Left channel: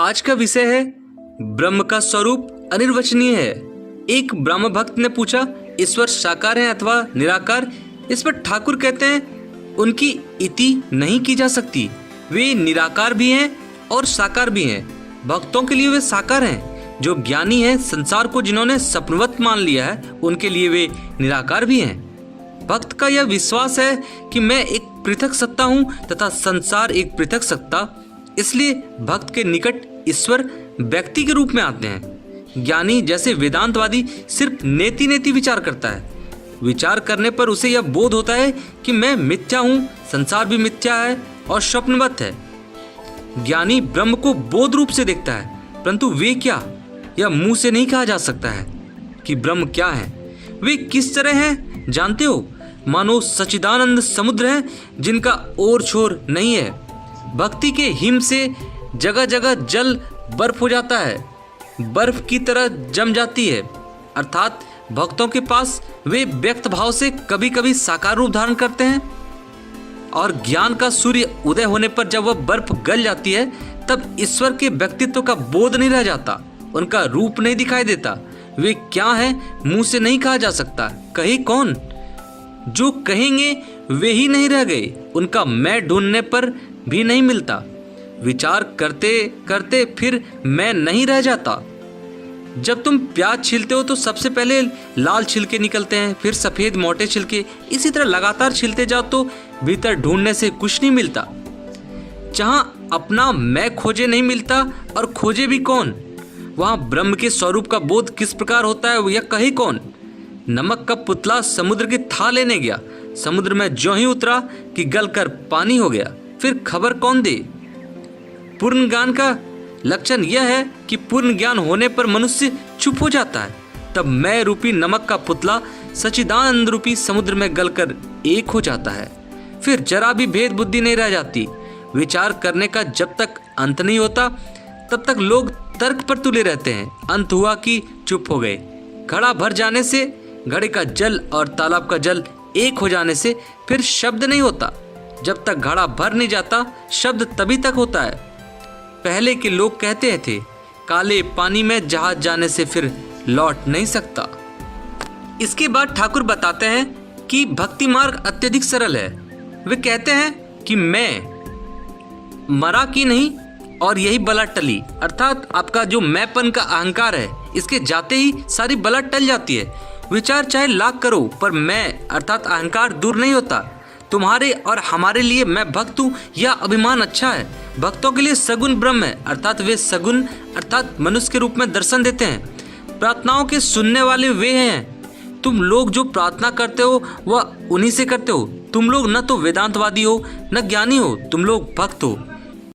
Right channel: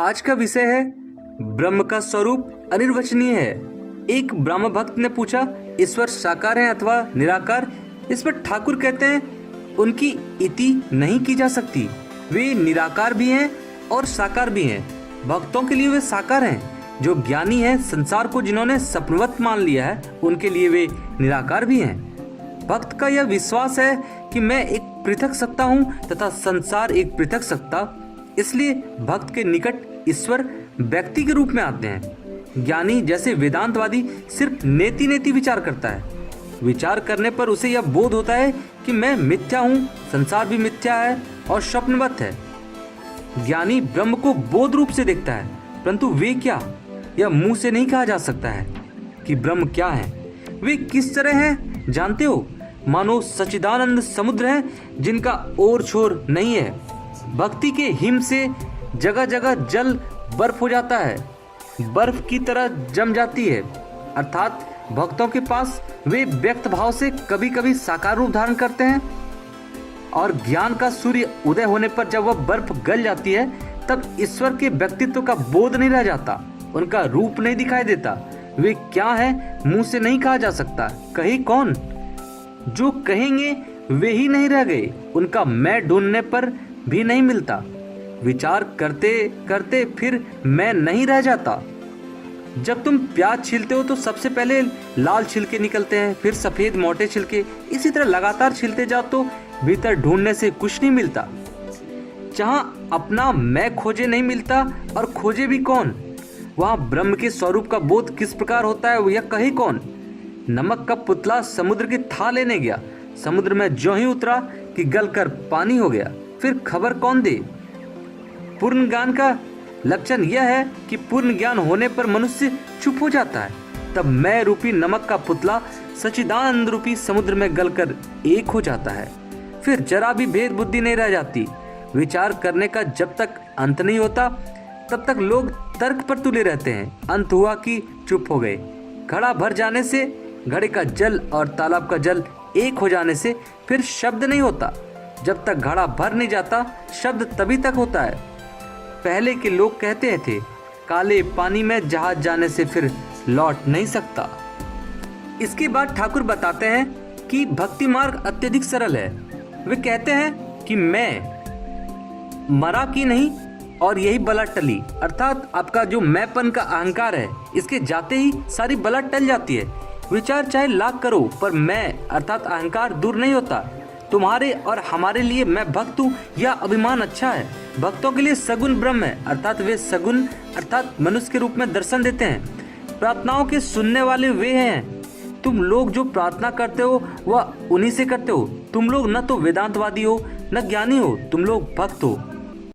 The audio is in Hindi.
आज का विषय है ब्रह्म का स्वरूप अनिर्वचनीय है। एक ब्रह्म भक्त ने पूछा, ईश्वर साकार है अथवा निराकार? इस पर ठाकुर कहते हैं उनकी इति नहीं की जा सकती। वे निराकार भी हैं और साकार भी हैं। भक्तों के लिए वे साकार हैं। जो ज्ञानी है, संसार को जिन्होंने सपनवत मान लिया है, उनके लिए वे निराकार भी हैं। भक्त का यह विश्वास है कि मैं एक पृथक सत्ता हूँ तथा संसार एक पृथक सत्ता, इसलिए भक्त के निकट ईश्वर व्यक्ति के रूप में आते हैं। ज्ञानी जैसे वेदांतवादी सिर्फ नेति नेति विचार करता है। विचार करने पर उसे यह बोध होता है कि मैं मिथ्या हूँ, संसार भी मिथ्या है और स्वप्नवत है। ज्ञानी ब्रह्म को बोध रूप से देखता है, परंतु वे क्या, यह मुंह से नहीं कहा जा सकता है कि ब्रह्म क्या है। वे किस तरह हैं जानते हो? मानो सच्चिदानंद समुद्र है जिनका ओर छोर नहीं है। भक्ति के हिम से जगह जगह जल बर्फ हो जाता है, बर्फ की तरह जम जाती है। अर्थात भक्तों के पास वे व्यक्त भाव से कभी कभी साकार रूप धारण करते हैं, और ज्ञान का सूर्य उदय होने पर जब वह बर्फ गल जाती है, तब ईश्वर के व्यक्तित्व का बोध नहीं रह जाता, उनका रूप नहीं दिखाई देता। वे क्या है मुंह से नहीं कहा जा सकता। कहे कौन? जो कहेंगे वे ही नहीं रह गए, उनका मैं ढूंढने पर भी नहीं मिलता। विचार करते करते फिर मैं नहीं रह जाता। जब तुम प्याज छीलते हो तो सबसे पहले लाल छिलके निकलते हैं, फिर सफेद मोटे छिलके, इसी तरह लगातार छीलते जाओ तो भीतर ढूंढने से कुछ नहीं मिलता। जहाँ अपना मैं खोजे नहीं मिलता और खोजे भी कौन, वहाँ ब्रह्म के स्वरूप का बोध किस प्रकार होता है यह कहे कौन। नमक का पुतला समुद्र की था लेने गया, समुद्र में ज्यों ही उतरा कि गलकर पानी हो गया, फिर खबर कौन दे। पूर्ण ज्ञान का लक्षण यह है कि पूर्ण ज्ञान होने पर मनुष्य चुप हो जाता है। तब मैं रूपी नमक का पुतला सच्चिदानंद रूपी समुद्र में गलकर एक हो जाता है। फिर जरा भी भेद बुद्धि नहीं रह जाती। विचार करने का जब तक अंत नहीं होता तब तक लोग तर्क पर तुले रहते हैं। अंत हुआ कि चुप हो गए। घड़ा भर जाने से, घड़े का जल और तालाब का जल एक हो जाने से फिर शब्द नहीं होता। जब तक घड़ा भर नहीं जाता शब्द तभी तक होता है। पहले के लोग कहते थे, काले पानी में जहाज जाने से फिर लौट नहीं सकता। इसके बाद ठाकुर बताते हैं कि भक्ति मार्ग अत्यधिक सरल है। वे कहते हैं कि मैं मरा कि नहीं और यही बला टली। अर्थात आपका जो मैंपन का अहंकार है, इसके जाते ही सारी बला टल जाती है। विचार चाहे लाख करो पर मैं अर्थात अहंकार दूर नहीं होता। तुम्हारे और हमारे लिए मैं भक्त हूँ यह अभिमान अच्छा है। भक्तों के लिए सगुण ब्रह्म है, अर्थात वे सगुण अर्थात मनुष्य के रूप में दर्शन देते हैं। प्रार्थनाओं के सुनने वाले वे हैं। तुम लोग जो प्रार्थना करते हो वह उन्हीं से करते हो। तुम लोग न तो वेदांतवादी हो न ज्ञानी हो, तुम लोग भक्त हो।